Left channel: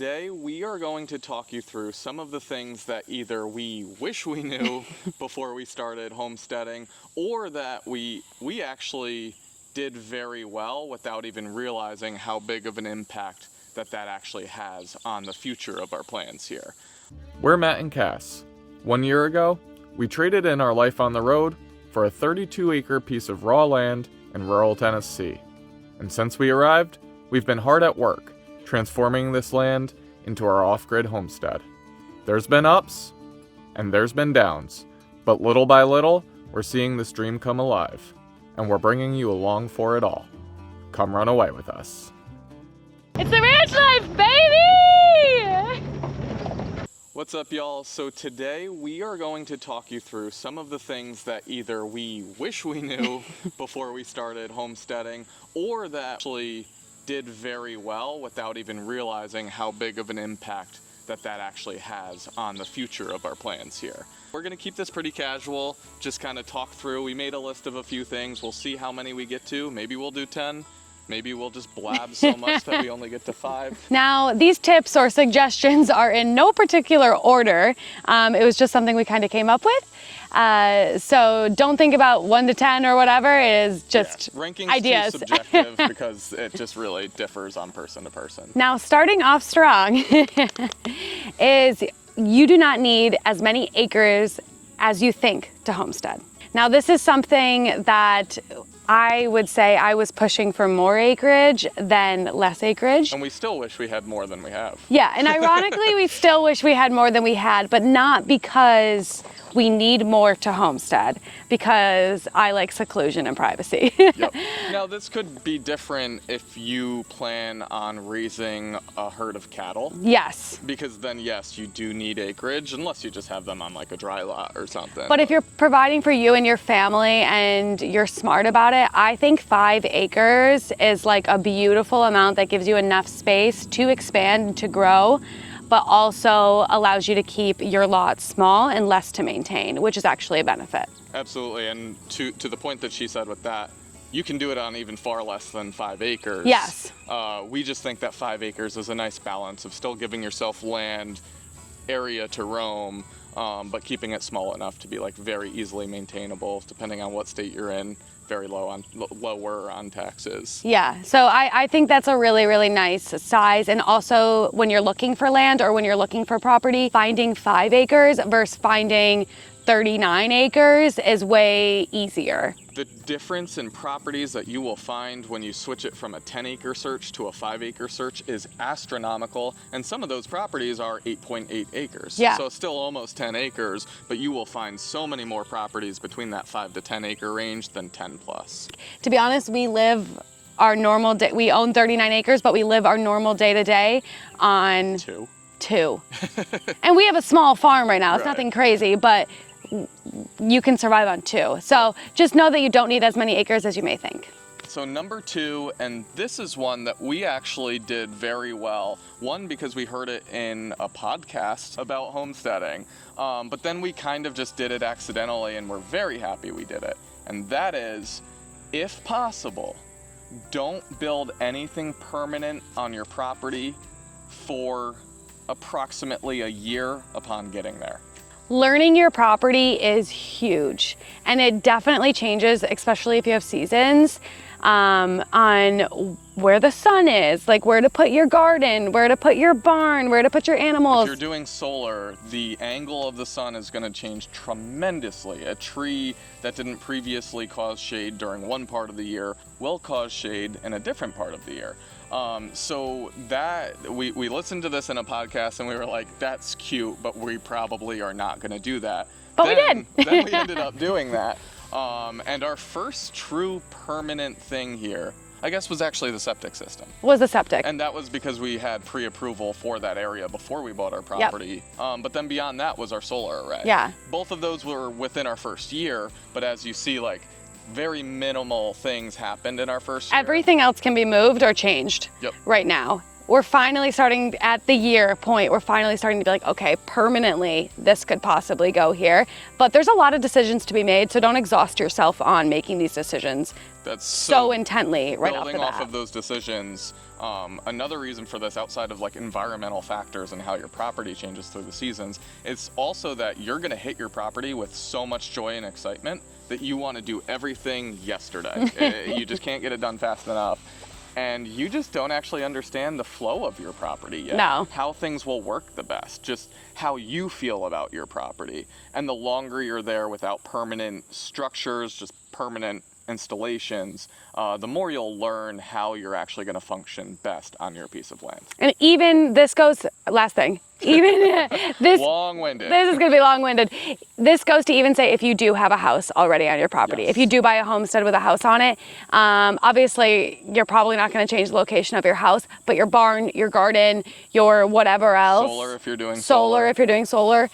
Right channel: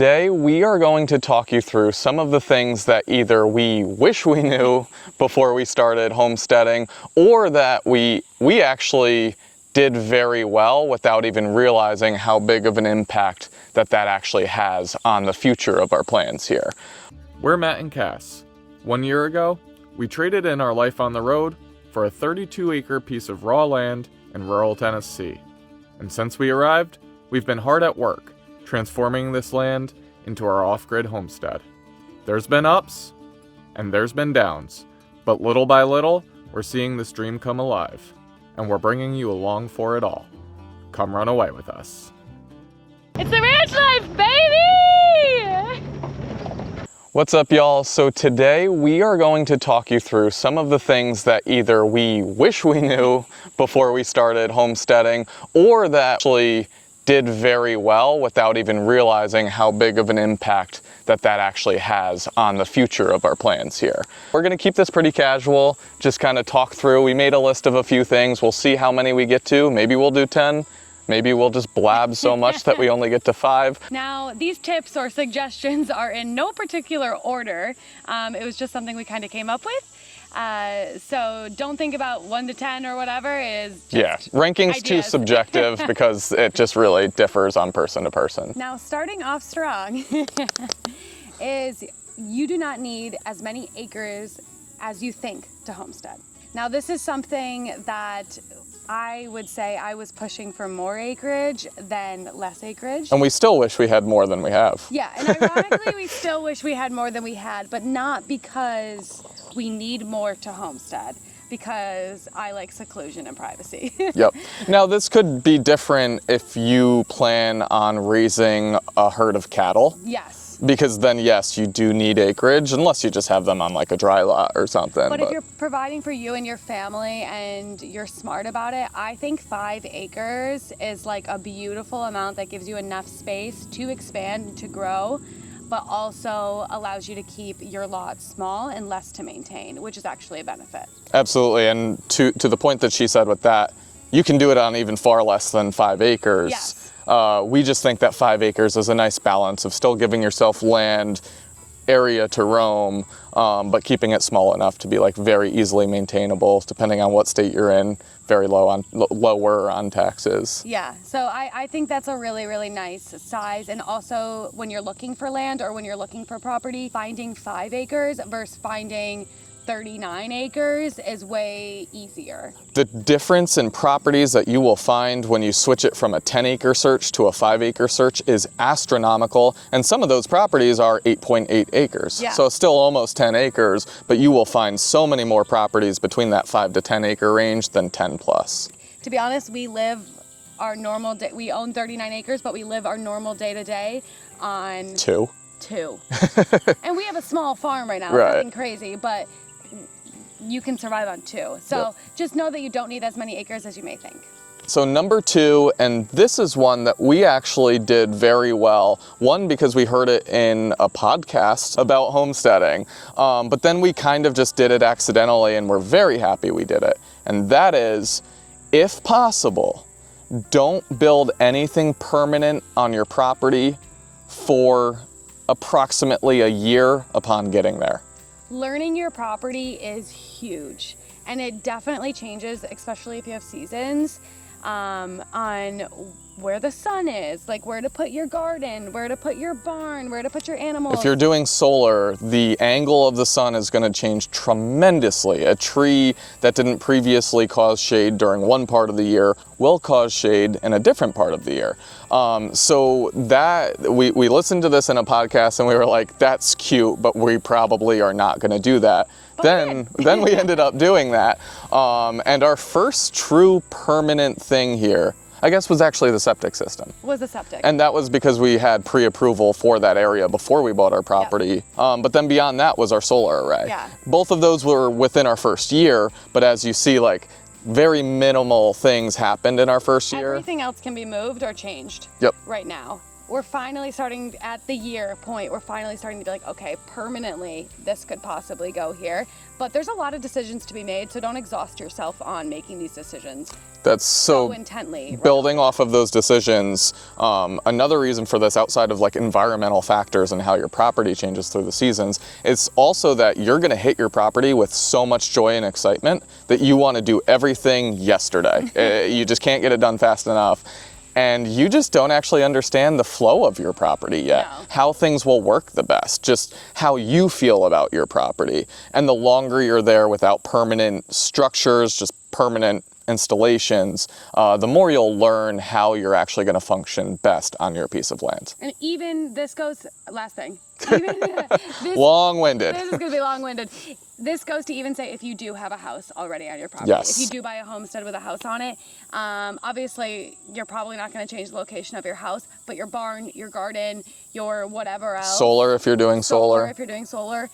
today we are going to talk you through some of the things that either we wish we knew before we started homesteading, or that we actually did very well without even realizing how big of an impact that actually has on the future of our plans here. We're Matt and Cass. 1 year ago, we traded in our life on the road for a 32-acre piece of raw land in rural Tennessee. And since we arrived, we've been hard at work, transforming this land into our off-grid homestead. There's been ups, and there's been downs, but little by little, we're seeing this dream come alive, and we're bringing you along for it all. Come run away with us. It's the ranch life, baby! What's up, y'all? So today we are going to talk you through some of the things that either we wish we knew before we started homesteading, or that actually did very well without even realizing how big of an impact that actually has on the future of our plans here. We're gonna keep this pretty casual, just kind of talk through. We made a list of a few things. We'll see how many we get to. Maybe we'll do 10. Maybe we'll just blab so much that we only get to 5. Now, these tips or suggestions are in no particular order. It was just something we kind of came up with. So don't think about 1 to 10 or whatever. It is just ranking's ideas. Too subjective because it just really differs on person to person. Now, starting off strong is you do not need as many acres as you think to homestead. Now, this is something that I would say I was pushing for more acreage than less acreage. And we still wish we had more than we have. Yeah, and ironically, we still wish we had more than we had, but not because we need more to homestead, because I like seclusion and privacy. Yep. Now, this could be different if you plan on raising a herd of cattle. Yes. Because then, yes, you do need acreage, unless you just have them on like a dry lot or something. But if you're providing for you and your family and you're smart about it, I think 5 acres is like a beautiful amount that gives you enough space to expand and to grow, but also allows you to keep your lot small and less to maintain, which is actually a benefit. Absolutely, and to the point that she said with that, you can do it on even far less than 5 acres. Yes. We just think that 5 acres is a nice balance of still giving yourself land, area to roam, but keeping it small enough to be like very easily maintainable, depending on what state you're in, very lower on taxes. Yeah, so I think that's a really, really nice size. And also when you're looking for land or when you're looking for property, finding 5 acres versus finding 39 acres is way easier. The difference in properties that you will find when you switch it from a 10-acre search to a 5-acre search is astronomical, and some of those properties are 8.8 acres. Yeah. So still almost 10 acres, but you will find so many more properties between that 5 to 10 acre range than 10 plus. To be honest, we live our normal day, we own 39 acres, but we live our normal day-to-day on 2. And we have a small farm right now. It's nothing crazy, but you can survive on 2. So just know that you don't need as many acres as you may think. So number 2, and this is one that we actually did very well. One, because we heard it in a podcast about homesteading, but then we kind of just did it accidentally and we're very happy we did it. And that is, if possible, don't build anything permanent on your property for approximately a year upon getting there. Learning your property is huge, and it definitely changes, especially if you have seasons, on where the sun is, like where to put your garden, where to put your barn, where to put your animals. If you're doing solar, the angle of the sun is going to change tremendously. A tree that didn't previously cause shade during one part of the year will cause shade in a different part of the year. So that we listened to this in a podcast and we were like, that's cute, but we probably are not going to do that. Then we ended up doing that. And our first true permanent thing here, I guess, was actually the septic system. Was the septic. And that was because we had pre-approval for that area before we bought our property. Yep. But then beyond that was our solar array. Yeah. Both of those were within our first year, but as you see, like, very minimal things happened in our first year. Everything else can be moved or changed Yep. right now. we're finally starting at the year point, we're finally starting to be like, okay, permanently, this could possibly go here. But there's a lot of decisions to be made, so don't exhaust yourself on making these decisions. That's so intently. Right building off of those decisions, another reason for this, outside of like environmental factors and how your property changes through the seasons, it's also that you're going to hit your property with so much joy and excitement that you want to do everything yesterday. You just can't get it done fast enough. And you just don't actually understand the flow of your property yet. No. How things will work the best, just how you feel about your property. And the longer you're there without permanent structures, just permanent installations, the more you'll learn how you're actually going to function best on your piece of land. And even this goes, last thing, even this, long-winded. This is going to be long-winded. This goes to even say if you do have a house already on your property. Yes. If you do buy a homestead with a house on it, obviously you're probably not going to change the location of your house, but your barn, your garden, your whatever else. Solar if you're doing solar. Solar if you're doing solar.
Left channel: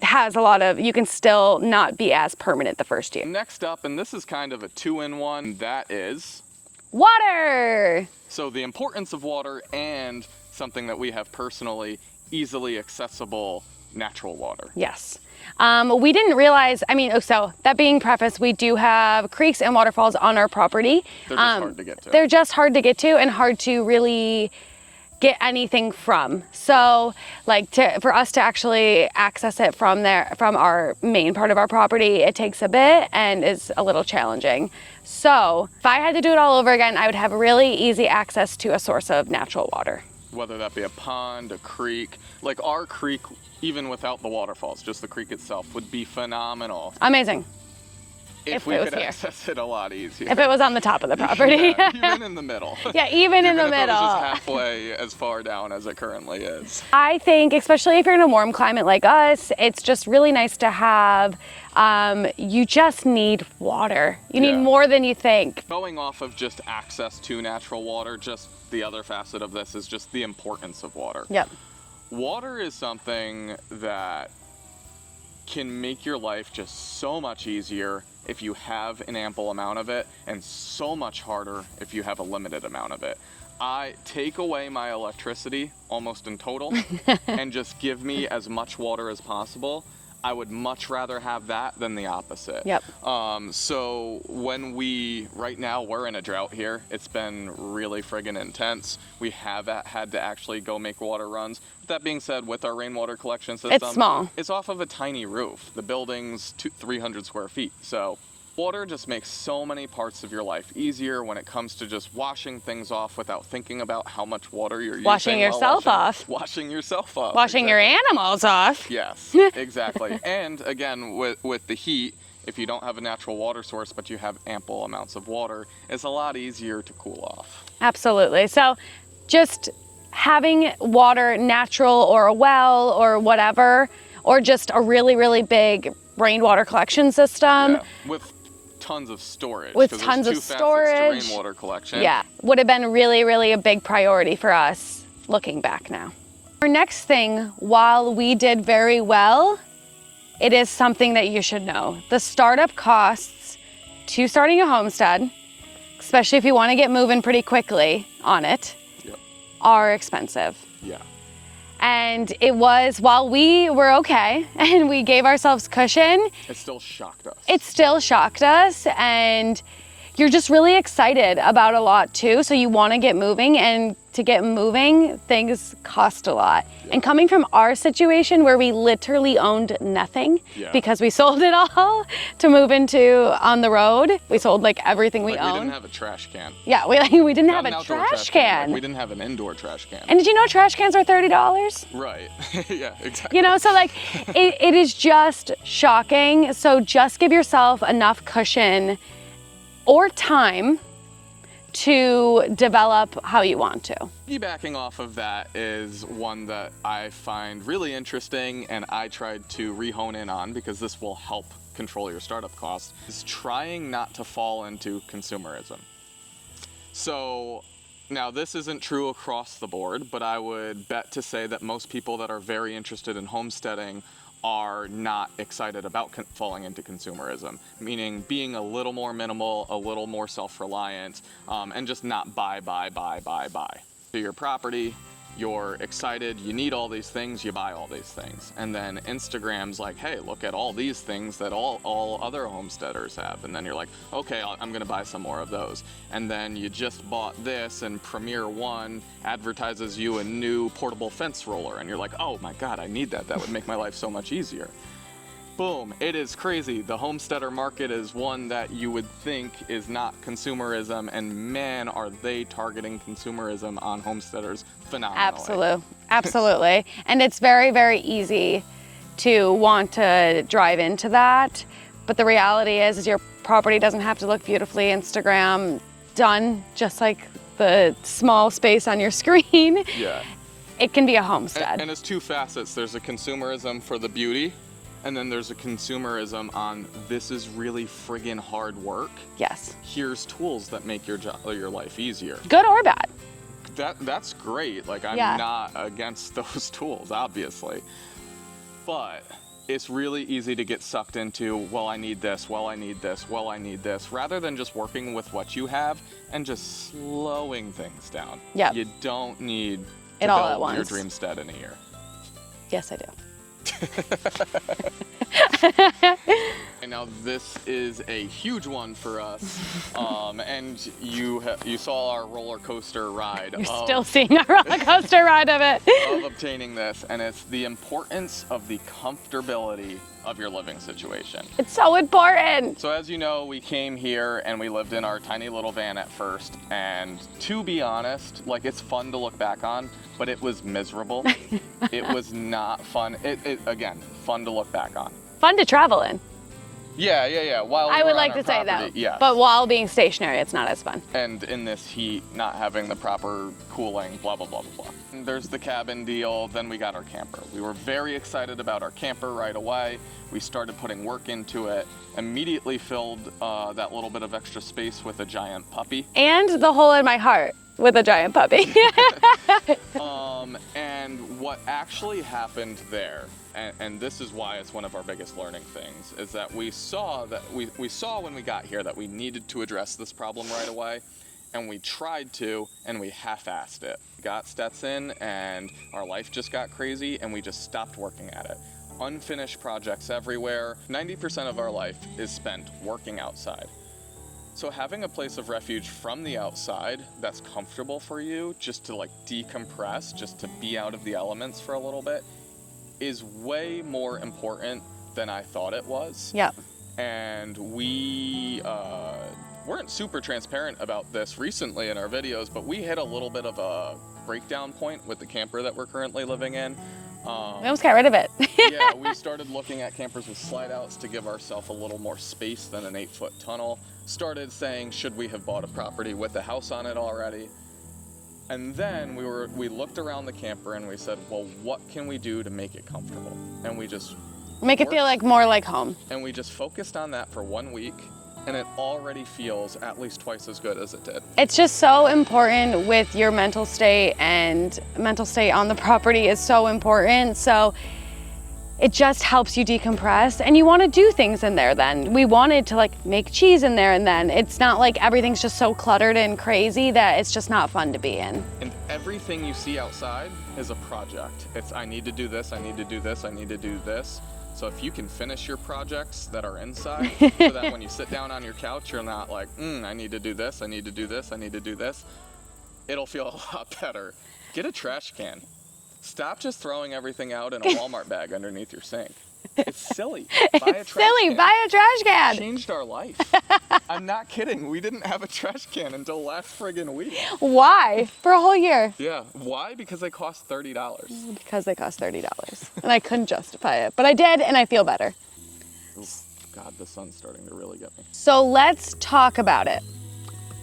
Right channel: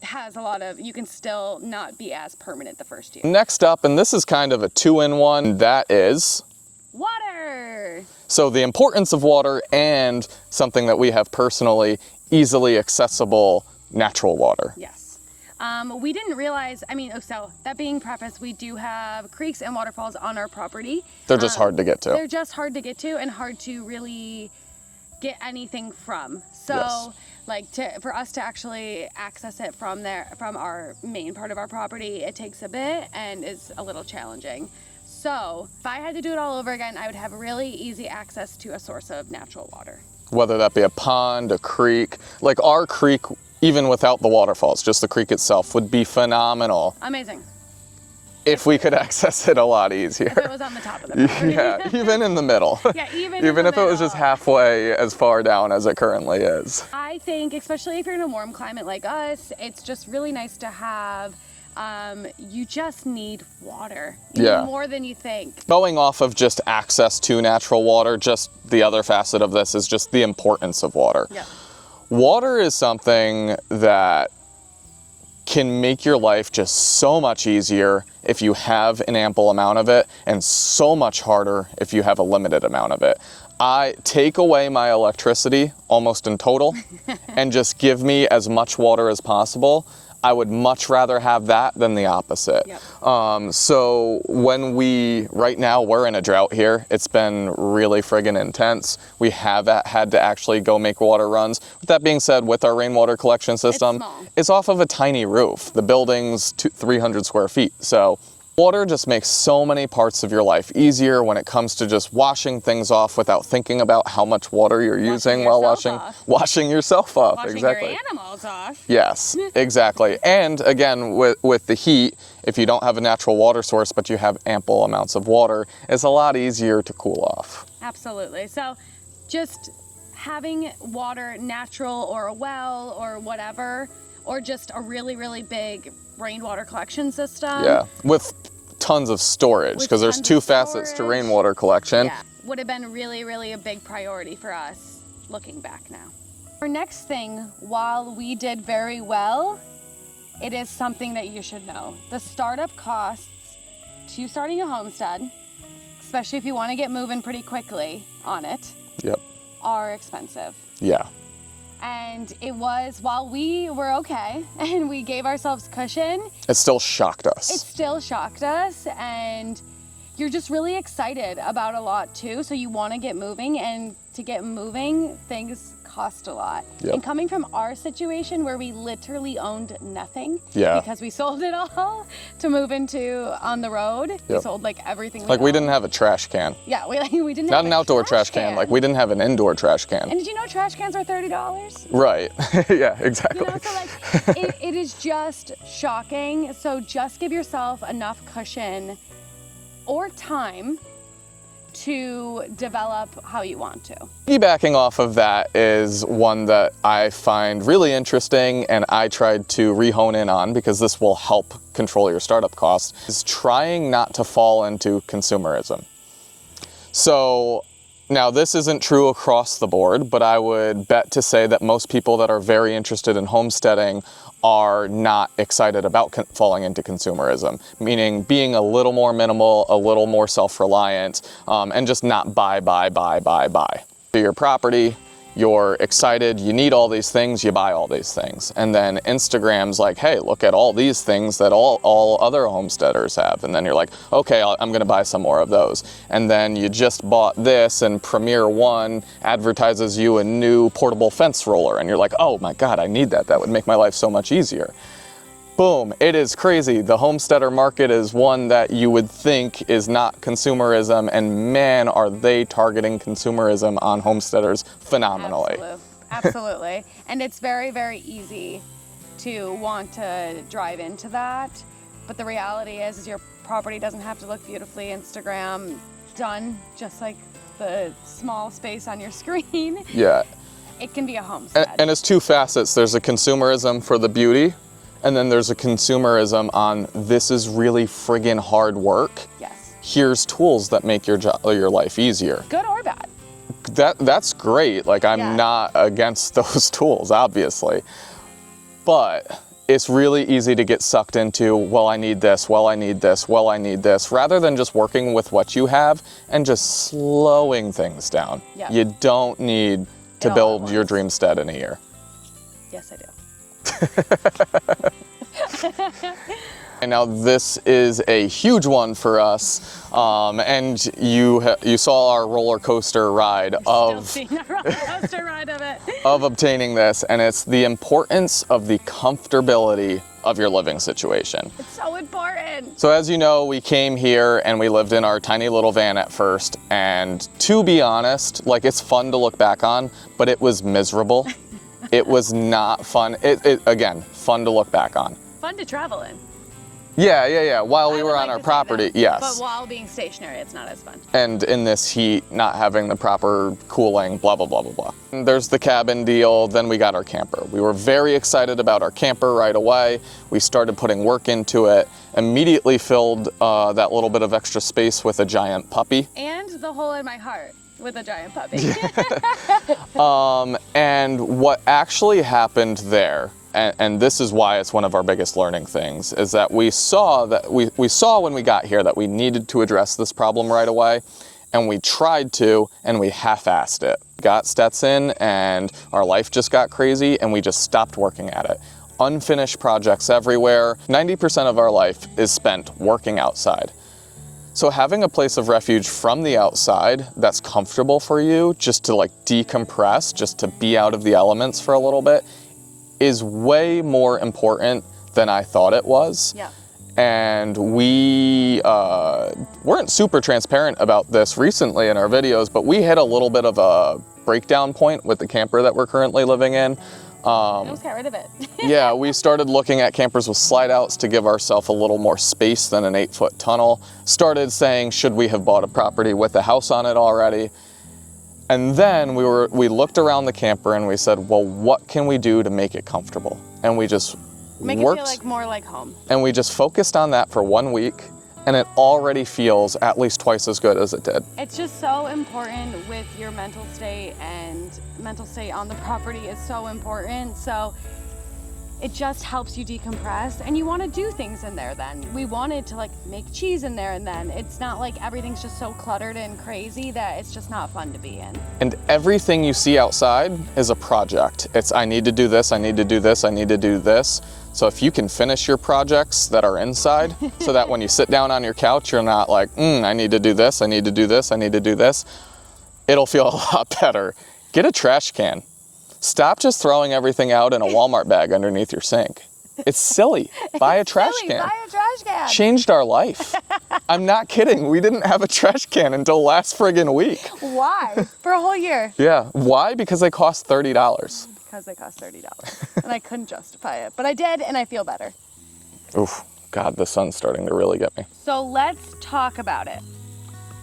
Has a lot of, you can still not be as permanent the first year. Next up, and this is kind of a two-in-one, that is water. So the importance of water and something that we have personally, easily accessible natural water. Yes. We didn't realize, so that being prefaced, we do have creeks and waterfalls on our property. They're just hard to get to. They're just hard to get to and hard to really get anything from. So Yes. for us to actually access it from our main part of our property, it takes a bit and is a little challenging. So if I had to do it all over again, I would have really easy access to a source of natural water. Whether that be a pond, a creek, like our creek, even without the waterfalls, just the creek itself would be phenomenal. Amazing. If we could here. access it a lot easier. If it was on the top of the property. Yeah, even in the middle. Yeah, even in the middle. Even if it was just halfway as far down as it currently is. I think, especially if you're in a warm climate like us, it's just really nice to have, you just need water. You need more than you think. Going off of just access to natural water, just the other facet of this is just the importance of water. Yep. Water is something that can make your life just so much easier if you have an ample amount of it, and so much harder if you have a limited amount of it. I take away my electricity almost in total and just give me as much water as possible. I would much rather have that than the opposite. Yep. So when right now we're in a drought here, it's been really friggin' intense. We have had to actually go make water runs. With that being said, with our rainwater collection system, it's small. It's off of a tiny roof. The building's 300 square feet. So water just makes so many parts of your life easier when it comes to just washing things off without thinking about how much water you're using while washing yourself off. Washing your animals off. Yes, exactly. And again, with the heat, if you don't have a natural water source, but you have ample amounts of water, it's a lot easier to cool off. Absolutely. So just having water, natural or a well or whatever, or just a really, really big rainwater collection system. Yeah, with tons of storage, because there's two facets to rainwater collection. Yeah, would have been really, really a big priority for us looking back now. Our next thing, while we did very well, it is something that you should know. The startup costs to starting a homestead, especially if you want to get moving pretty quickly on it, are expensive. Yeah. And it was, while we were okay and we gave ourselves cushion, it still shocked us. It still shocked us, and you're just really excited about a lot too. So you want to get moving, and to get moving, things cost a lot. Yep. And coming from our situation where we literally owned nothing because we sold it all to move into on the road. Yep. We sold like everything we owned. We didn't have a trash can. Yeah, we didn't have an outdoor trash can. Like we didn't have an indoor trash can. And did you know trash cans are $30? Right. Yeah, exactly. You know, so like it is just shocking. So just give yourself enough cushion or time to develop how you want to. Piggybacking off of that is one that I find really interesting, and I tried to re-hone in on because this will help control your startup costs, is trying not to fall into consumerism. So now this isn't true across the board, but I would bet to say that most people that are very interested in homesteading are not excited about falling into consumerism, meaning being a little more minimal, a little more self-reliant, and just not buy. to your property, you're excited, you need all these things, you buy all these things. And then Instagram's like, hey, look at all these things that all other homesteaders have. And then you're like, okay, I'm gonna buy some more of those. And then you just bought this, and Premier One advertises you a new portable fence roller. And you're like, oh my God, I need that. That would make my life so much easier. Boom, it is crazy. The homesteader market is one that you would think is not consumerism, and man, are they targeting consumerism on homesteaders phenomenally. Absolutely. And it's very, very easy to want to drive into that. But the reality is your property doesn't have to look beautifully Instagram done, just like the small space on your screen. Yeah. It can be a homestead. And it's two facets. There's a consumerism for the beauty, and then there's a consumerism on this is really friggin' hard work. Yes. Here's tools that make your life easier. Good or bad. That's great. Like, I'm not against those tools, obviously. But it's really easy to get sucked into, well, I need this, well, I need this, well, I need this, rather than just working with what you have and just slowing things down. Yeah. You don't need to build your dreamstead in a year. Yes, I do. And now this is a huge one for us, and you saw our roller coaster ride. Still seeing our roller coaster ride of it. Of obtaining this, and it's the importance of the comfortability of your living situation. It's so important. So as you know, we came here and we lived in our tiny little van at first, and to be honest, like, it's fun to look back on, but it was miserable. It was not fun. It again, fun to look back on. Fun to travel in. Yeah. While we were on our property, yes. But while being stationary, it's not as fun. And in this heat, not having the proper cooling, blah, blah, blah, blah, blah. And there's the cabin deal, then we got our camper. We were very excited about our camper right away. We started putting work into it, immediately filled that little bit of extra space with a giant puppy. And the hole in my heart with a giant puppy. And what actually happened there, and this is why it's one of our biggest learning things, is that we saw when we got here that we needed to address this problem right away, and we tried to, and we half-assed it. Got Stetson, and our life just got crazy, and we just stopped working at it. Unfinished projects everywhere. 90% of our life is spent working outside. So having a place of refuge from the outside that's comfortable for you, just to like decompress, just to be out of the elements for a little bit, is way more important than I thought it was. Yep. And we weren't super transparent about this recently in our videos, but we hit a little bit of a breakdown point with the camper that we're currently living in. We almost got rid of it. Yeah, we started looking at campers with slide outs to give ourselves a little more space than an 8-foot tunnel. Started saying, should we have bought a property with a house on it already? And then we looked around the camper and we said, well, what can we do to make it comfortable? And we just Make it feel like more like home. And we just focused on that for 1 week, and it already feels at least twice as good as it did. It's just so important with your mental state, and mental state on the property is so important. So it just helps you decompress, and you want to do things in there then. We wanted to like make cheese in there, and then it's not like everything's just so cluttered and crazy that it's just not fun to be in. And everything you see outside is a project. It's I need to do this, I need to do this, I need to do this. So if you can finish your projects that are inside so that when you sit down on your couch, you're not like, I need to do this, I need to do this, I need to do this, it'll feel a lot better. Get a trash can. Stop just throwing everything out in a Walmart bag underneath your sink. It's silly. Buy a trash can. Buy a trash can. Changed our life. I'm not kidding. We didn't have a trash can until last friggin' week. Why? For a whole year. Yeah. Why? Because they cost $30. Because they cost $30. And I couldn't justify it. But I did, and I feel better. Oof. God, the sun's starting to really get me. So let's talk about it.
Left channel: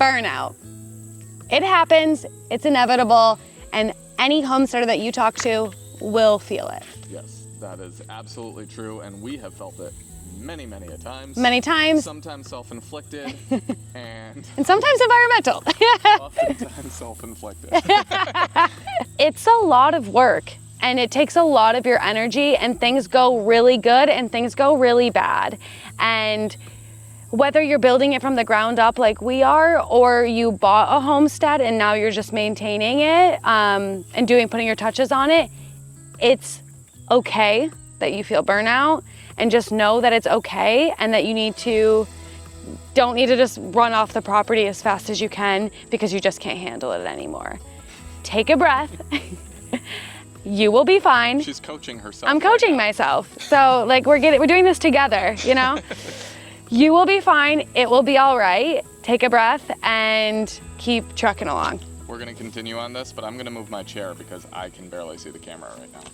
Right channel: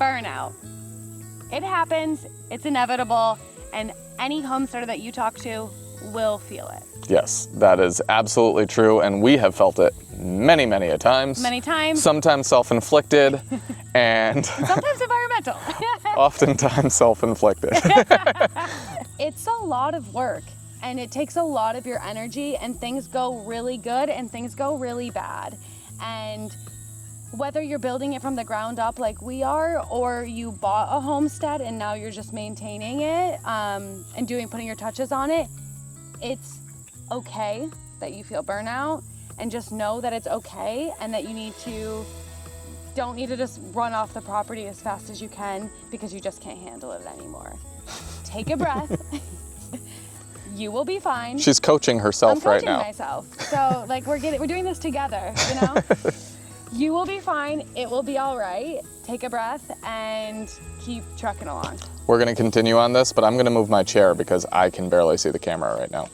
Burnout. It happens. It's inevitable. And any homesteader that you talk to will feel it. Yes, that is absolutely true, and we have felt it many, many a times. Many times. Sometimes self-inflicted, and sometimes environmental. Oftentimes self-inflicted. It's a lot of work, and it takes a lot of your energy, and things go really good and things go really bad. And whether you're building it from the ground up like we are, or you bought a homestead and now you're just maintaining it and putting your touches on it, it's okay that you feel burnout, and just know that it's okay and that don't need to just run off the property as fast as you can because you just can't handle it anymore. Take a breath. You will be fine. She's coaching herself. I'm coaching right now. myself. So like we're doing this together, you know? You will be fine. It will be all right. Take a breath and keep trucking along. We're gonna continue on this, but I'm gonna move my chair because I can barely see the camera right now.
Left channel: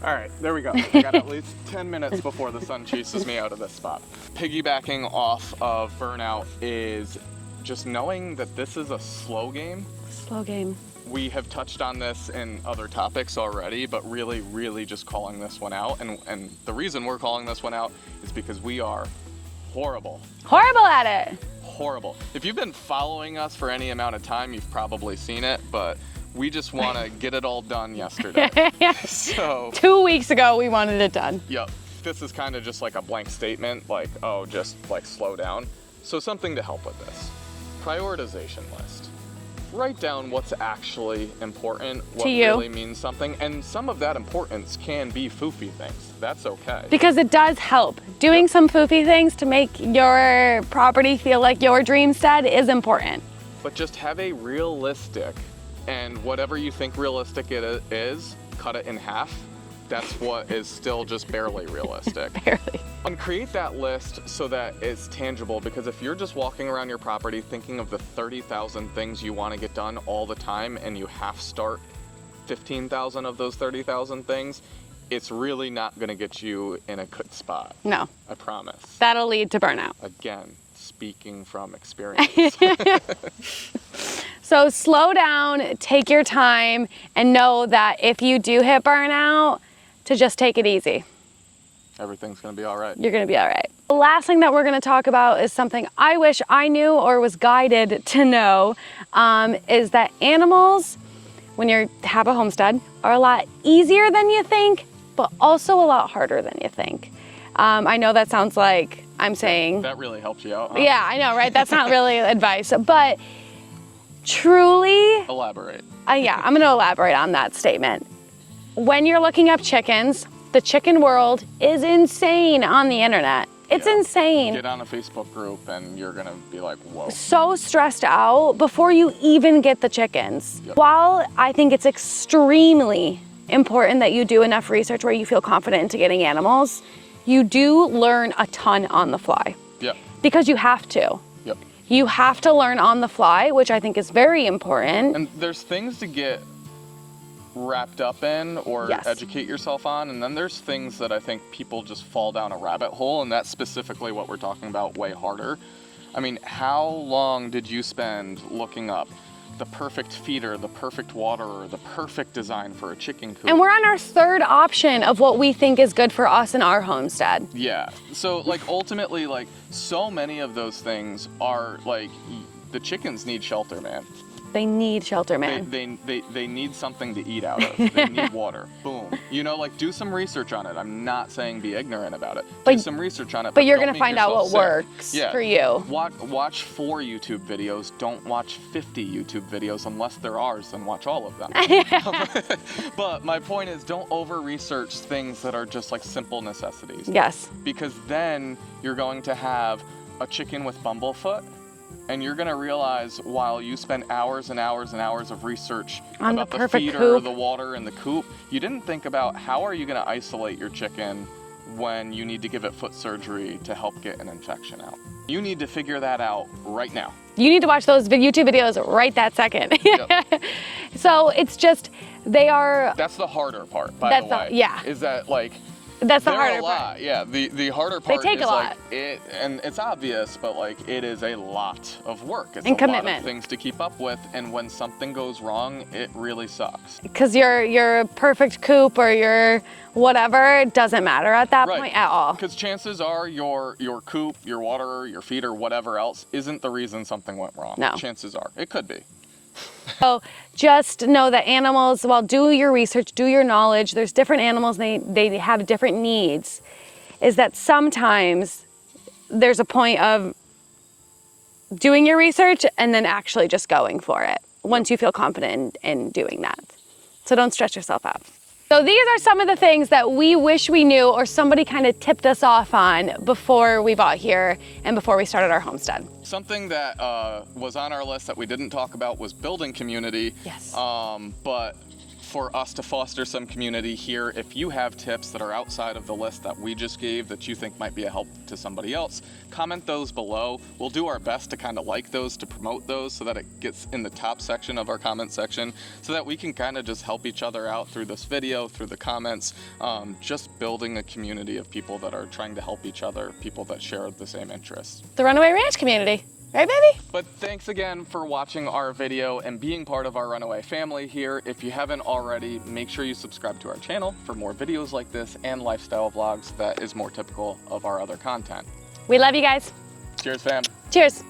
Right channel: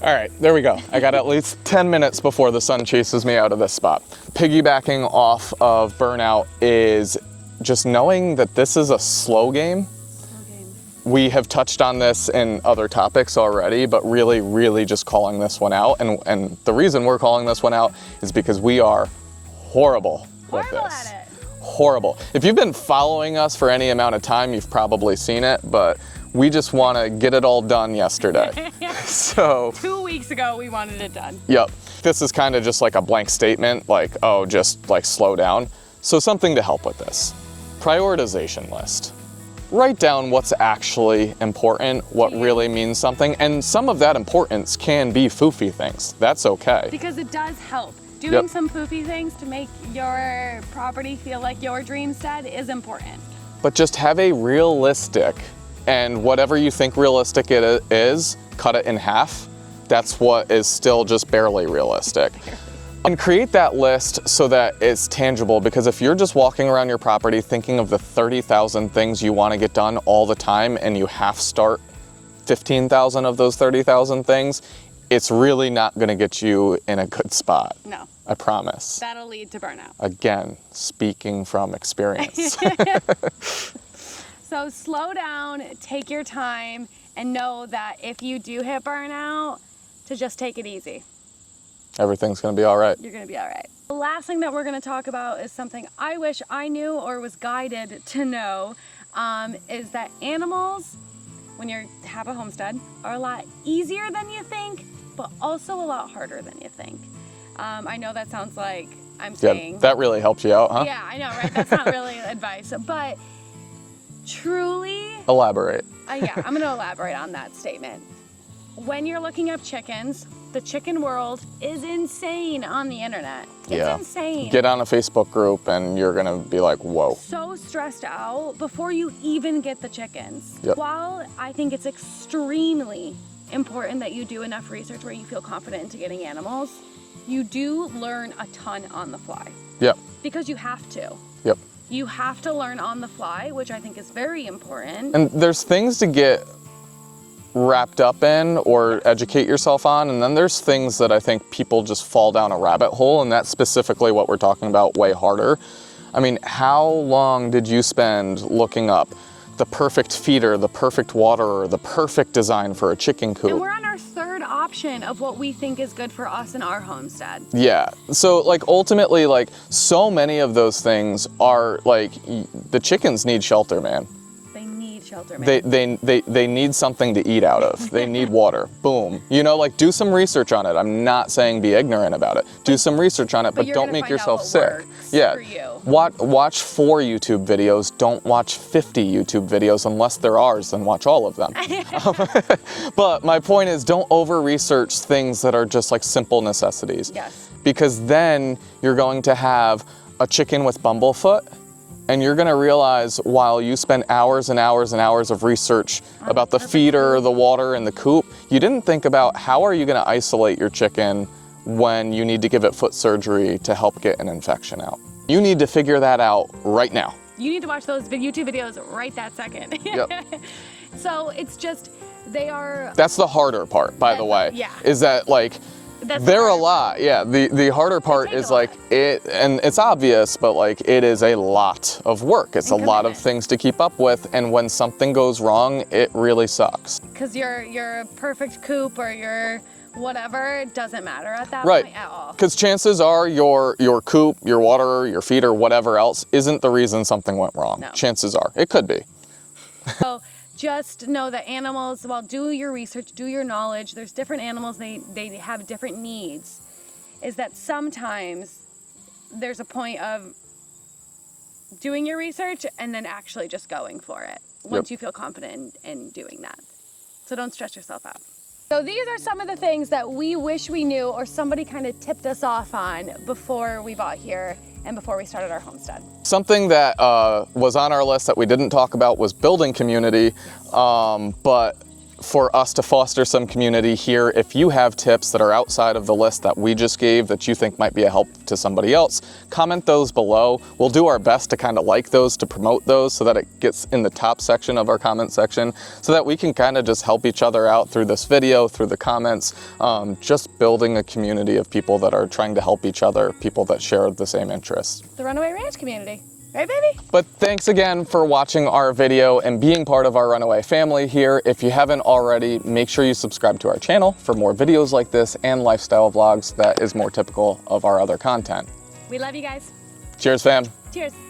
All right, there we go. I got at least 10 minutes before the sun chases me out of this spot. Piggybacking off of burnout is just knowing that this is a slow game. Slow game. We have touched on this in other topics already, but really, really just calling this one out. And the reason we're calling this one out is because we are horrible. Horrible at it. Horrible. If you've been following us for any amount of time, you've probably seen it, but we just want to get it all done yesterday. So 2 weeks ago, we wanted it done. Yep. This is kind of just like a blank statement, like, oh, just like slow down. So something to help with this. Prioritization list. Write down what's actually important, what really means something, and some of that importance can be foofy things. That's okay. Because it does help. Doing some foofy things to make your property feel like your dreamstead is important. But just have a realistic, and whatever you think realistic it is, cut it in half. That's what is still just barely realistic. Barely. And create that list so that it's tangible, because if you're just walking around your property thinking of the 30,000 things you want to get done all the time and you half start 15,000 of those 30,000 things, it's really not going to get you in a good spot. No. I promise. That'll lead to burnout. Again, speaking from experience. So slow down, take your time, and know that if you do hit burnout, to just take it easy. Everything's going to be all right. You're going to be all right. The last thing that we're going to talk about is something I wish I knew or was guided to know, is that animals, when you have a homestead, are a lot easier than you think, but also a lot harder than you think. I know that sounds like I'm saying... Yeah, that really helps you out, huh? Yeah, I know, right? That's not really advice, but truly... Elaborate. Yeah, I'm going to elaborate on that statement. When you're looking up chickens, the chicken world is insane on the internet. It's insane. Get on a Facebook group and you're gonna be like, whoa. So stressed out before you even get the chickens. Yep. While I think it's extremely important that you do enough research where you feel confident into getting animals, you do learn a ton on the fly. Yep. Because you have to. Yep. You have to learn on the fly, which I think is very important. And there's things to get wrapped up in or educate yourself on, and then there's things that I think people just fall down a rabbit hole, and that's specifically what we're talking about, way harder. I mean, how long did you spend looking up the perfect feeder, the perfect waterer, the perfect design for a chicken coop? And we're on our third option of what we think is good for us in our homestead. Yeah, so like ultimately, like so many of those things are like, the chickens need shelter, man. They need shelter, man. They need something to eat out of. They need water. Boom. You know, like do some research on it. I'm not saying be ignorant about it. Do some research on it, but don't make yourself sick. But you're gonna find out what works for you. Watch 4 YouTube videos. Don't watch 50 YouTube videos unless they're ours, then watch all of them. But my point is, don't over-research things that are just like simple necessities. Yes. Because then you're going to have a chicken with bumblefoot, and you're gonna realize while you spend hours and hours and hours of research about the feeder, the water, and the coop, you didn't think about how are you gonna isolate your chicken when you need to give it foot surgery to help get an infection out. You need to figure that out right now. You need to watch those YouTube videos right that second. Yep. So it's just, they are... That's the harder part, by the way. Yeah. Is that like, That's they're a lot, yeah. The harder part take is a like lot. it, and it's obvious, but like it is a lot of work. It's a And lot of commitment. things to keep up with, and when something goes wrong, it really sucks. Because your perfect coop or your whatever, it doesn't matter at that point at all. Because chances are your coop, your water, your feeder, whatever else, isn't the reason something went wrong. No. Chances are. It could be. So just know that animals, well, do your research, do your knowledge. There's different animals, they have different needs. Is that sometimes there's a point of doing your research and then actually just going for it once you feel confident in doing that. So don't stress yourself out. So these are some of the things that we wish we knew or somebody kind of tipped us off on before we bought here and before we started our homestead. Something that was on our list that we didn't talk about was building community. Yes. But for us to foster some community here, if you have tips that are outside of the list that we just gave that you think might be a help to somebody else, comment those below. We'll do our best to kind of like those, to promote those so that it gets in the top section of our comment section so that we can kind of just help each other out through this video, through the comments, just building a community of people that are trying to help each other, people that share the same interests. The Runaway Ranch community. Right, baby? But thanks again for watching our video and being part of our Runaway family here. If you haven't already, make sure you subscribe to our channel for more videos like this and lifestyle vlogs that is more typical of our other content. We love you guys. Cheers, fam. Cheers.